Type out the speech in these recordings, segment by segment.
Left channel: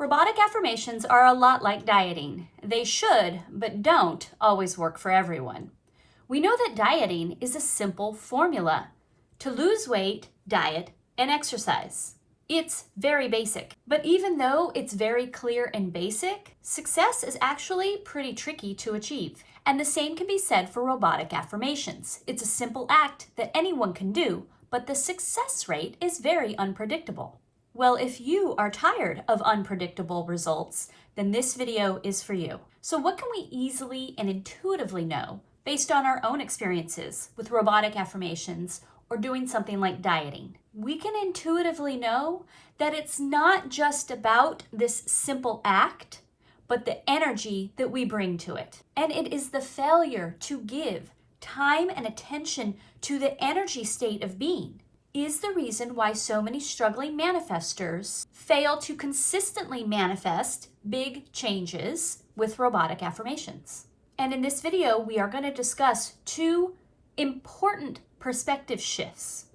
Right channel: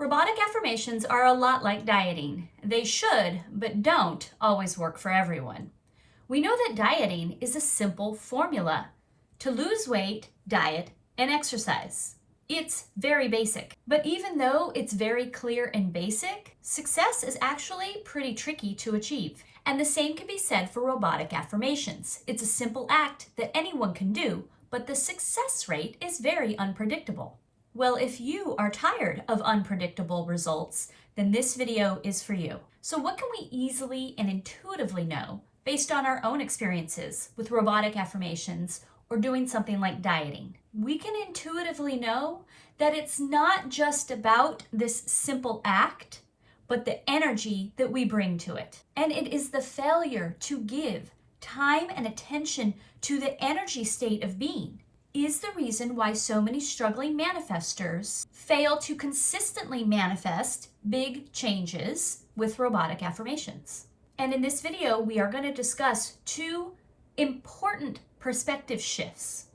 Robotic affirmations are a lot like dieting. They should, but don't, always work for everyone. We know that dieting is a simple formula to lose weight, diet, and exercise. It's very basic. But even though it's very clear and basic, success is actually pretty tricky to achieve. And the same can be said for robotic affirmations. It's a simple act that anyone can do, but the success rate is very unpredictable. Well, if you are tired of unpredictable results, then this video is for you. So what can we easily and intuitively know based on our own experiences with robotic affirmations or doing something like dieting? We can intuitively know that it's not just about this simple act, but the energy that we bring to it. And it is the failure to give time and attention to the energy state of being is the reason why so many struggling manifestors fail to consistently manifest big changes with robotic affirmations. And in this video, we are going to discuss two important perspective shifts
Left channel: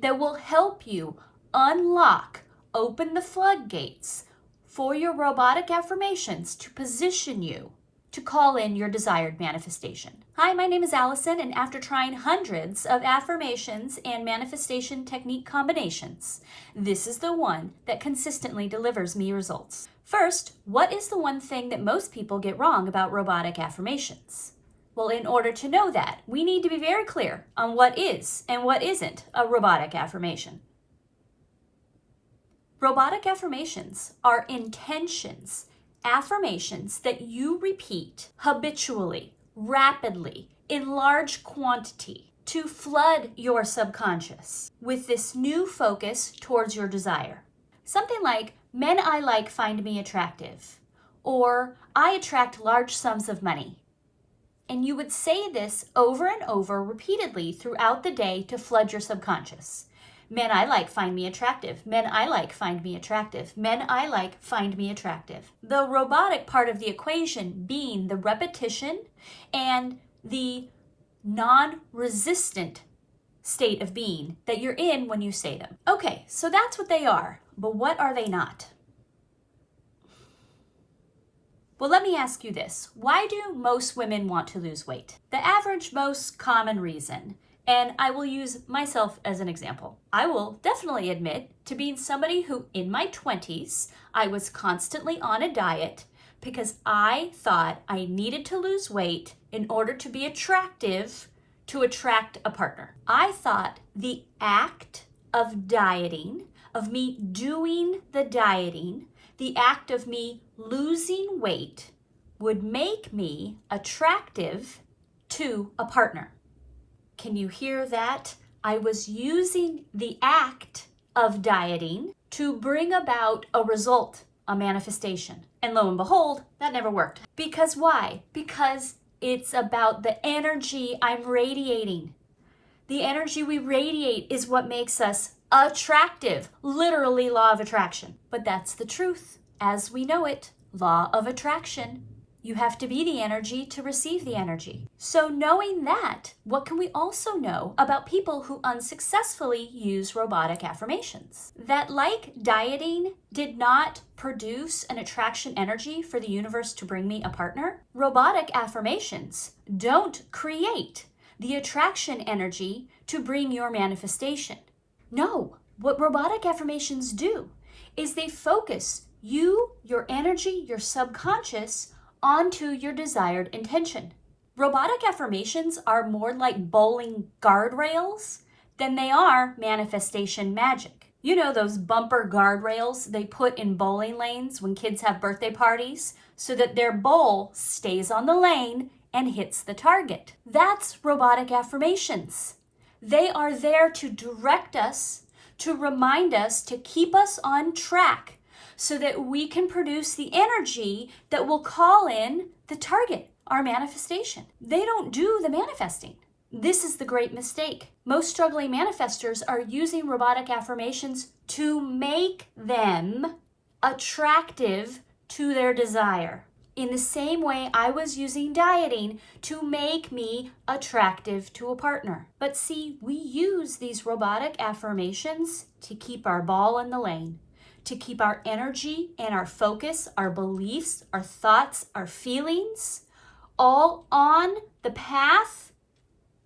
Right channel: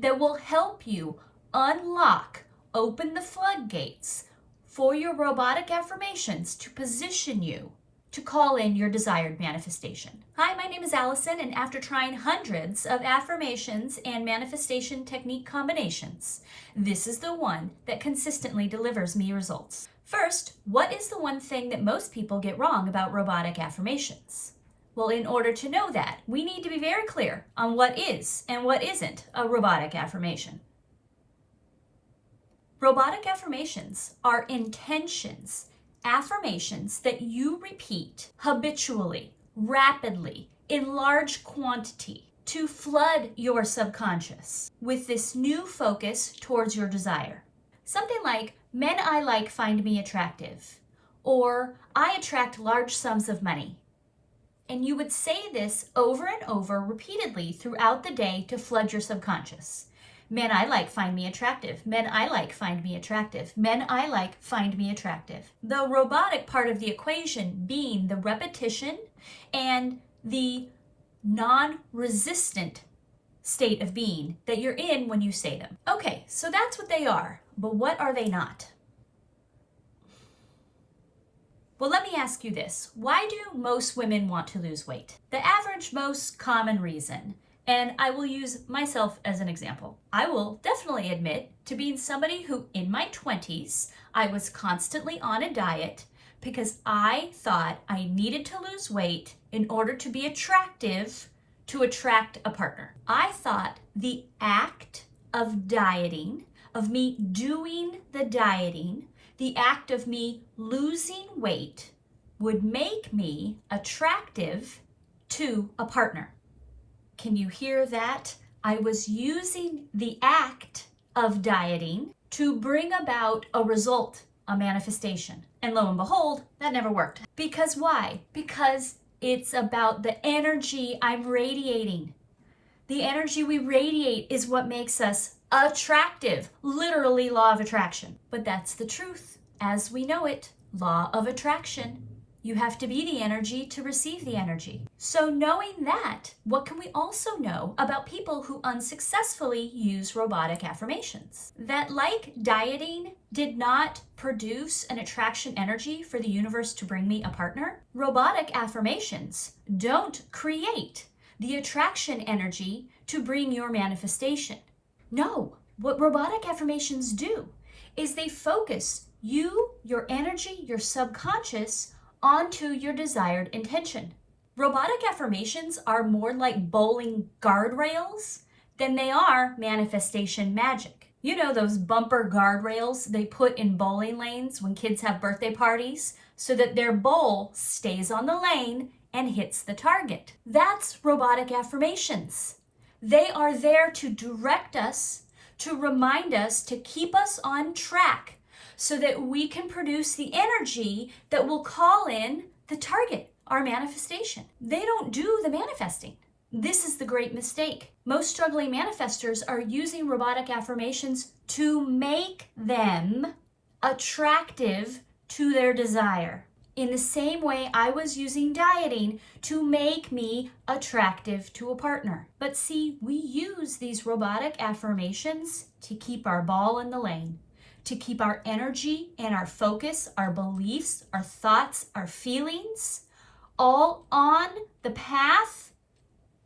that will help you open the floodgates for your robotic affirmations to position you to call in your desired manifestation. Hi, my name is Allison, and after trying hundreds of affirmations and manifestation technique combinations, this is the one that consistently delivers me results. First, what is the one thing that most people get wrong about robotic affirmations? Well, in order to know that, we need to be very clear on what is and what isn't a robotic affirmation. Robotic affirmations are intentions, affirmations that you repeat habitually, rapidly, in large quantity to flood your subconscious with this new focus towards your desire. Something like, men I like find me attractive, or I attract large sums of money. And you would say this over and over repeatedly throughout the day to flood your subconscious. Men I like find me attractive. Men I like find me attractive. Men I like find me attractive. The robotic part of the equation being the repetition and the non-resistant state of being that you're in when you say them. Okay, so that's what they are, but what are they not? Well, let me ask you this. Why do most women want to lose weight? The average, most common reason, and I will use myself as an example. I will definitely admit to being somebody who, in my 20s, I was constantly on a diet because I thought I needed to lose weight in order to be attractive to attract a partner. I thought the act of dieting, of me doing the dieting, the act of me losing weight would make me attractive to a partner. Can you hear that? I was using the act of dieting to bring about a result, a manifestation. And lo and behold, that never worked. Because why? Because it's about the energy I'm radiating. The energy we radiate is what makes us attractive, literally law of attraction. But that's the truth. As we know it, law of attraction. You have to be the energy to receive the energy. So knowing that, what can we also know about people who unsuccessfully use robotic affirmations? That like dieting did not produce an attraction energy for the universe to bring me a partner, robotic affirmations don't create the attraction energy to bring your manifestation. No, what robotic affirmations do is they focus you, your energy, your subconscious onto your desired intention. Robotic affirmations are more like bowling guardrails than they are manifestation magic. You know those bumper guardrails they put in bowling lanes when kids have birthday parties so that their bowl stays on the lane and hits the target. That's robotic affirmations. They are there to direct us, to remind us, to keep us on track so that we can produce the energy that will call in the target, our manifestation. They don't do the manifesting. This is the great mistake. Most struggling manifestors are using robotic affirmations to make them attractive to their desire. In the same way I was using dieting to make me attractive to a partner. But see, we use these robotic affirmations to keep our ball in the lane, to keep our energy and our focus, our beliefs, our thoughts, our feelings, all on the path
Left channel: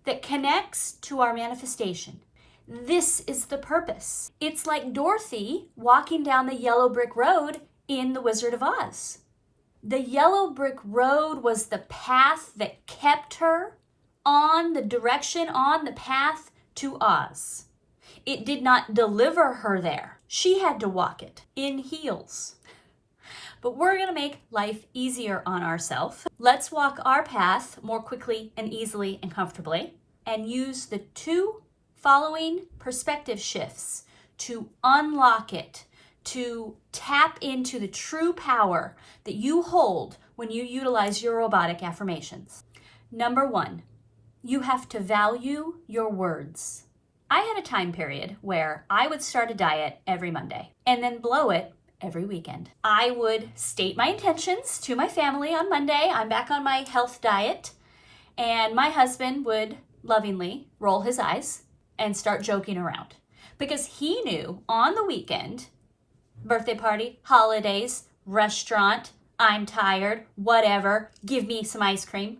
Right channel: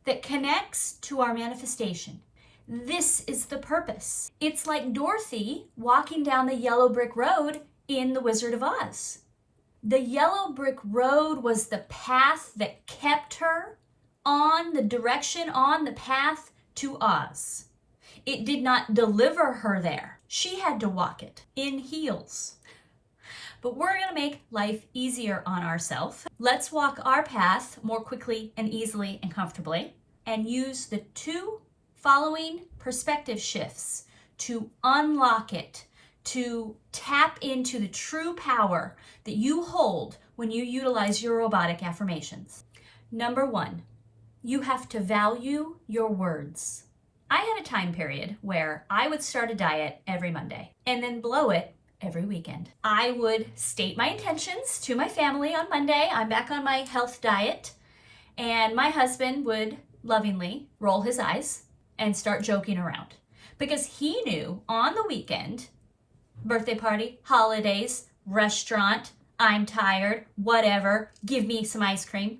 that connects to our manifestation. This is the purpose. It's like Dorothy walking down the yellow brick road in The Wizard of Oz. The yellow brick road was the path that kept her on the direction, on the path to Oz. It did not deliver her there. She had to walk it in heels. But we're going to make life easier on ourselves. Let's walk our path more quickly and easily and comfortably, and use the 2 following perspective shifts to unlock it, to tap into the true power that you hold when you utilize your robotic affirmations. Number 1, you have to value your words. I had a time period where I would start a diet every Monday and then blow it every weekend. I would state my intentions to my family on Monday. I'm back on my health diet. And my husband would lovingly roll his eyes and start joking around because he knew on the weekend, birthday party, holidays, restaurant, I'm tired, whatever, give me some ice cream,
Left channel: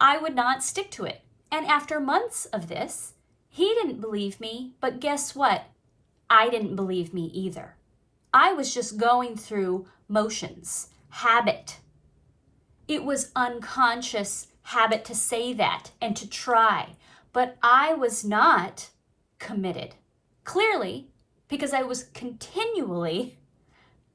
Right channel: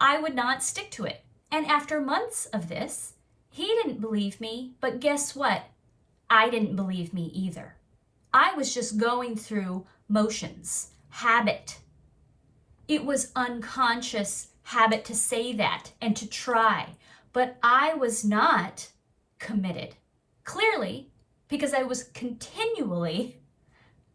I would not stick to it. And after months of this, he didn't believe me, but guess what? I didn't believe me either. I was just going through motions, habit. It was unconscious habit to say that and to try, but I was not committed. Clearly, because I was continually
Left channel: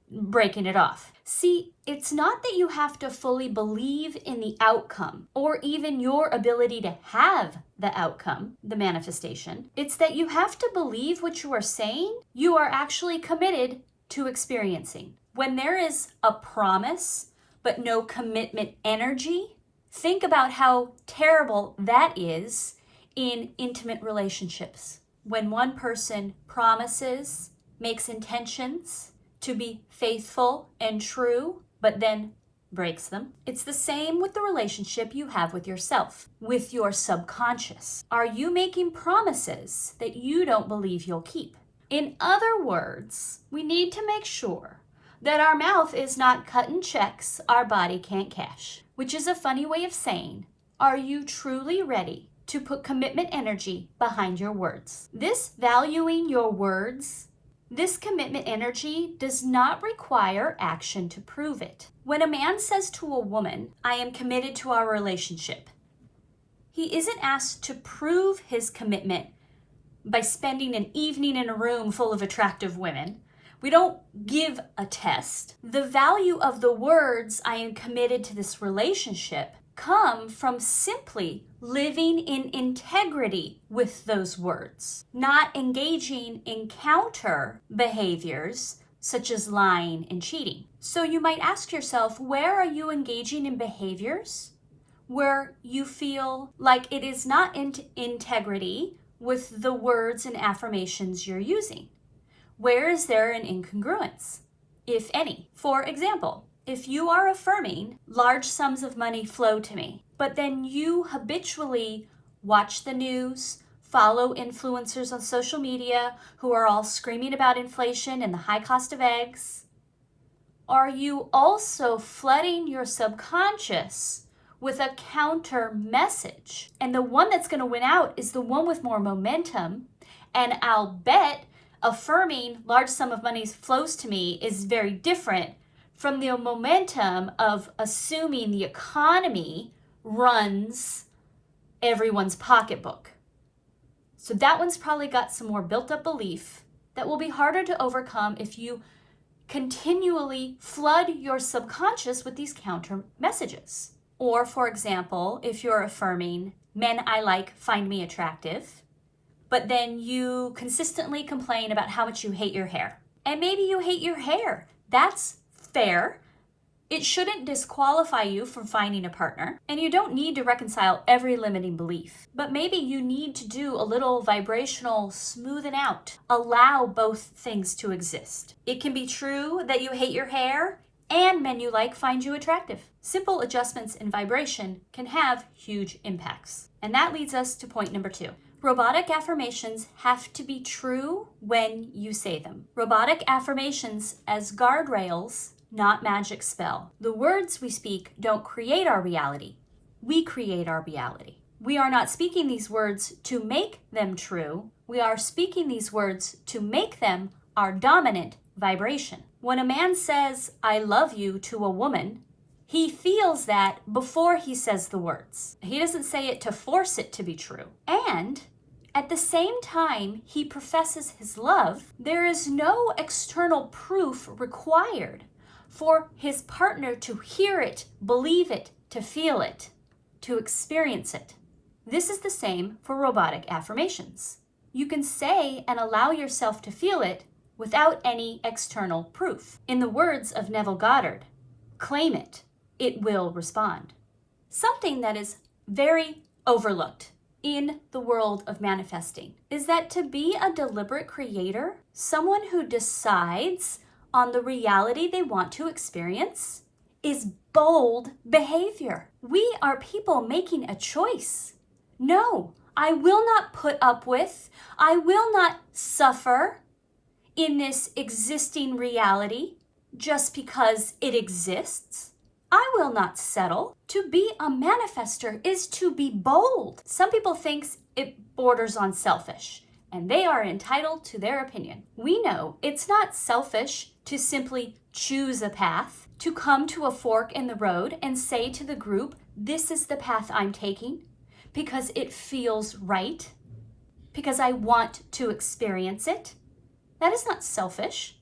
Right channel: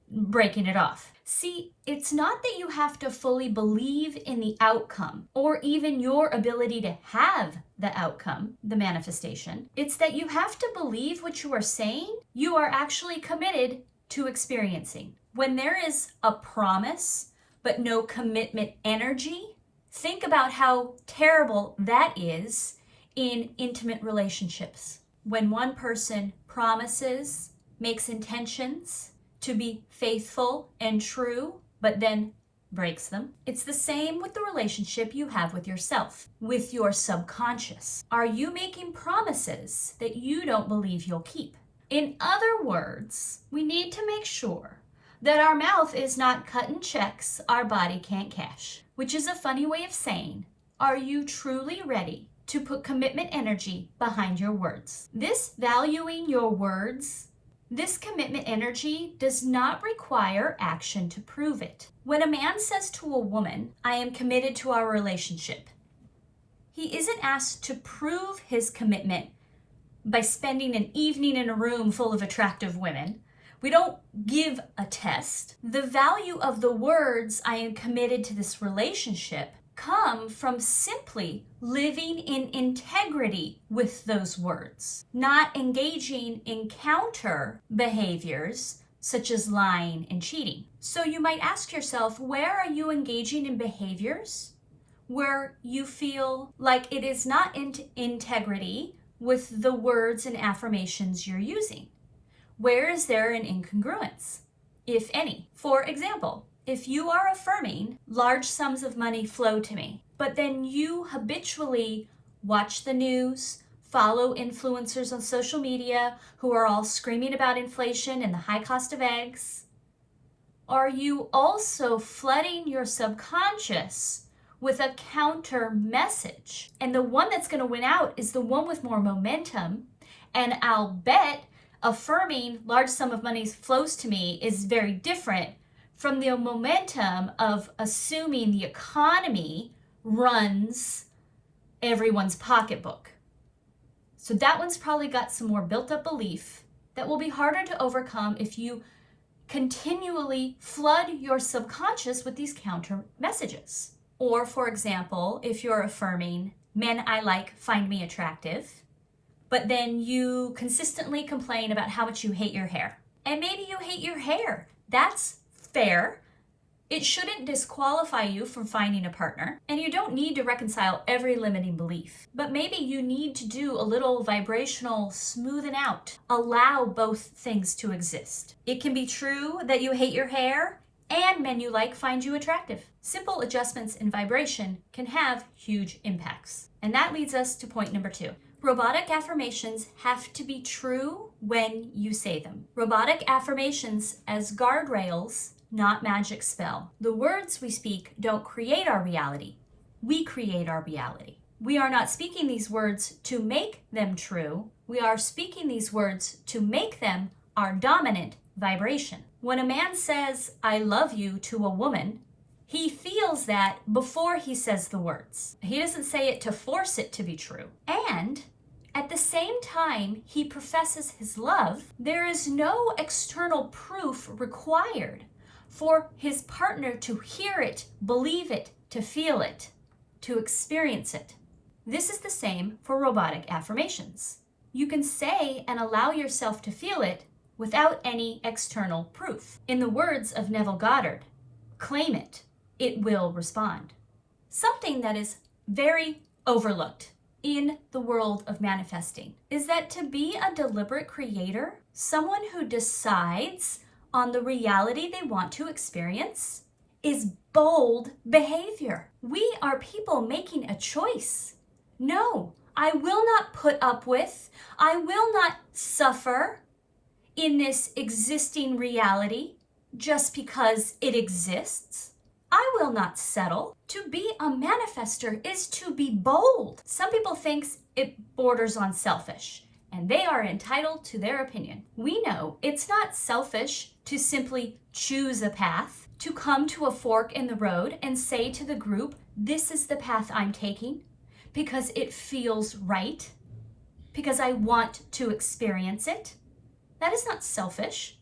breaking it off. See, it's not that you have to fully believe in the outcome or even your ability to have the outcome, the manifestation. It's that you have to believe what you are saying, you are actually committed to experiencing. When there is a promise but no commitment energy, think about how terrible that is in intimate relationships. When one person promises, makes intentions to be faithful and true, but then breaks them. It's the same with the relationship you have with yourself, with your subconscious. Are you making promises that you don't believe you'll keep? In other words, we need to make sure that our mouth is not cutting checks our body can't cash, which is a funny way of saying, are you truly ready to put commitment energy behind your words? This valuing your words, this commitment energy does not require action to prove it. When a man says to a woman, I am committed to our relationship, he isn't asked to prove his commitment by spending an evening in a room full of attractive women. We don't give a test. The value of the words, I am committed to this relationship, come from simply living in integrity with those words, not engaging in counter behaviors such as lying and cheating. So you might ask yourself, where are you engaging in behaviors where you feel like it is not in integrity with the words and affirmations you're using? Where is there an incongruence, if any? For example, if you are affirming large sums of money flow to me, but then you habitually watch the news, follow influencers on social media who are all screaming about inflation and the high cost of eggs, are you also flooding your subconscious with a counter message? And the one that's going to win out is the one with more momentum. And I'll bet affirming large sum of money flows to me is very different from the momentum of assuming the economy runs everyone's pocketbook. So that one's probably got some more built up belief that will be harder to overcome if you continually flood your subconscious with these counter messages. Or for example, if you're affirming, men I like find me attractive, but then you consistently complain about how much you hate your hair. And maybe you hate your hair. That's fair. It shouldn't disqualify you from finding a partner. And you don't need to reconcile every limiting belief. But maybe you need to do a little vibrational smoothing out. Allow both things to exist. It can be true that you hate your hair and men you like find you attractive. Simple adjustments in vibration can have huge impacts. And that leads us to point number 2. Robotic affirmations have to be true when you say them. Robotic affirmations as guardrails, not magic spell. The words we speak don't create our reality. We create our reality. We are not speaking these words to make them true. We are speaking these words to make them our dominant vibration. When a man says, "I love you" to a woman, he feels that before he says the words. He doesn't say it to force it to be true. And at the same time he professes his love, there is no external proof required for his partner to hear it, believe it, to feel it, to experience it. This is the same for robotic affirmations. You can say and allow yourself to feel it without any external proof. In the words of Neville Goddard, claim it, it will respond. Something that is very overlooked in the world of manifesting is that to be a deliberate creator, someone who decides on the reality they want to experience, is bold behavior. We are people making a choice. No, I will not put up with, I will not suffer in this existing reality just because it exists. I will not settle. To be a manifester is to be bold. Some people think it borders on selfish, and they are entitled to their opinion. We know it's not selfish to simply choose a path, to come to a fork in the road and say to the group, this is the path I'm taking because it feels right, because I want to experience it. That is not selfish.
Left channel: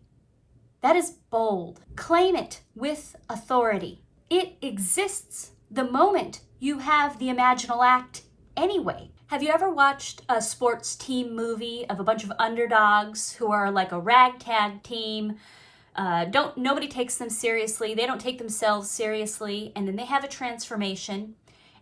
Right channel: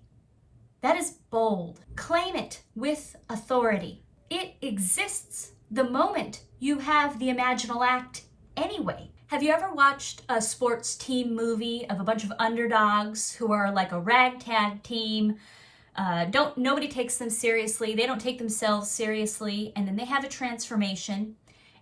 That is bold. Claim it with authority. It exists the moment you have the imaginal act anyway. Have you ever watched a sports team movie of a bunch of underdogs who are like a ragtag team? Nobody takes them seriously. They don't take themselves seriously. And then they have a transformation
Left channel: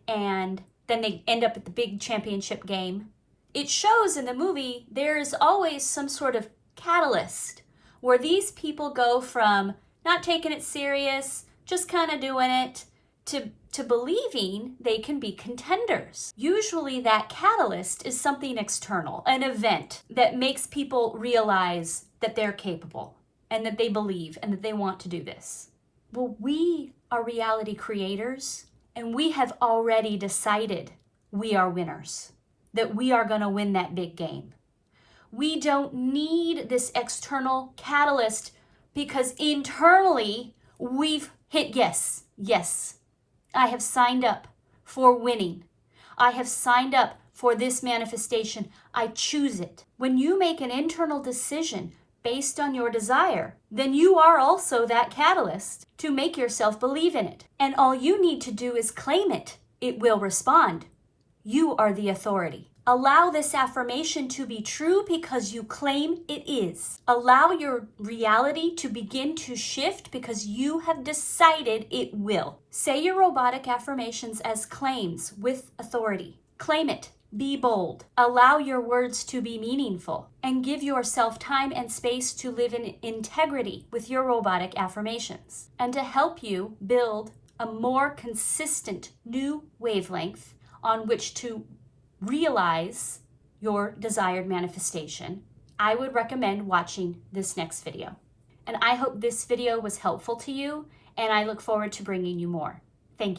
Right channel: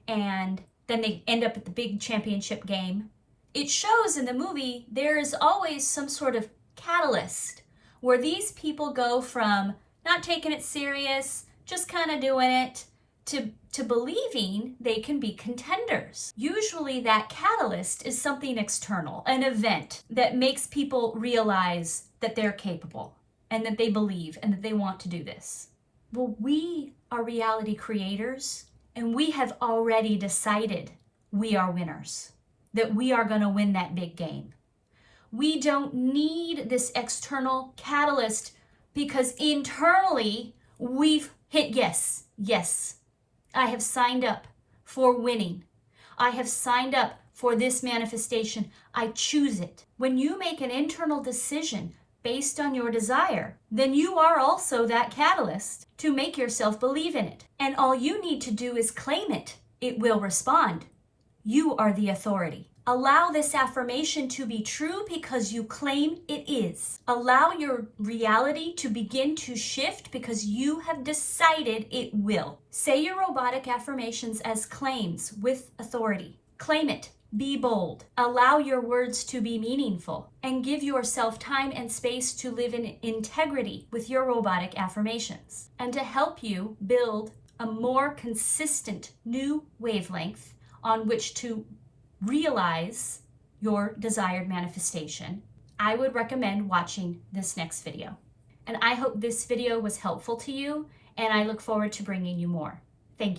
and then they end up at the big championship game. It shows in the movie there's always some sort of catalyst where these people go from not taking it serious, just kind of doing it, to believing they can be contenders. Usually that catalyst is something external, an event that makes people realize that they're capable and that they believe and that they want to do this. Well, we are reality creators and we have already decided we are winners, that we are going to win that big game. We don't need this external catalyst because internally we've hit yes, yes. I have signed up for winning. I have signed up for this manifestation. I choose it. When you make an internal decision based on your desire, then you are also that catalyst to make yourself believe in it. And all you need to do is claim it. It will respond. You are the authority. Allow this affirmation to be true because you claim it is. Allow your reality to begin to shift because you have decided it will. Say your robotic affirmations as claims with authority. Claim it. Be bold. Allow your words to be meaningful and give yourself time and space to live in integrity with your robotic affirmations. And to help you build a more consistent new wavelength on which to realize your desired manifestation, I would recommend watching this next video. And I hope this video was helpful to you, and I look forward to bringing you more. Thank you.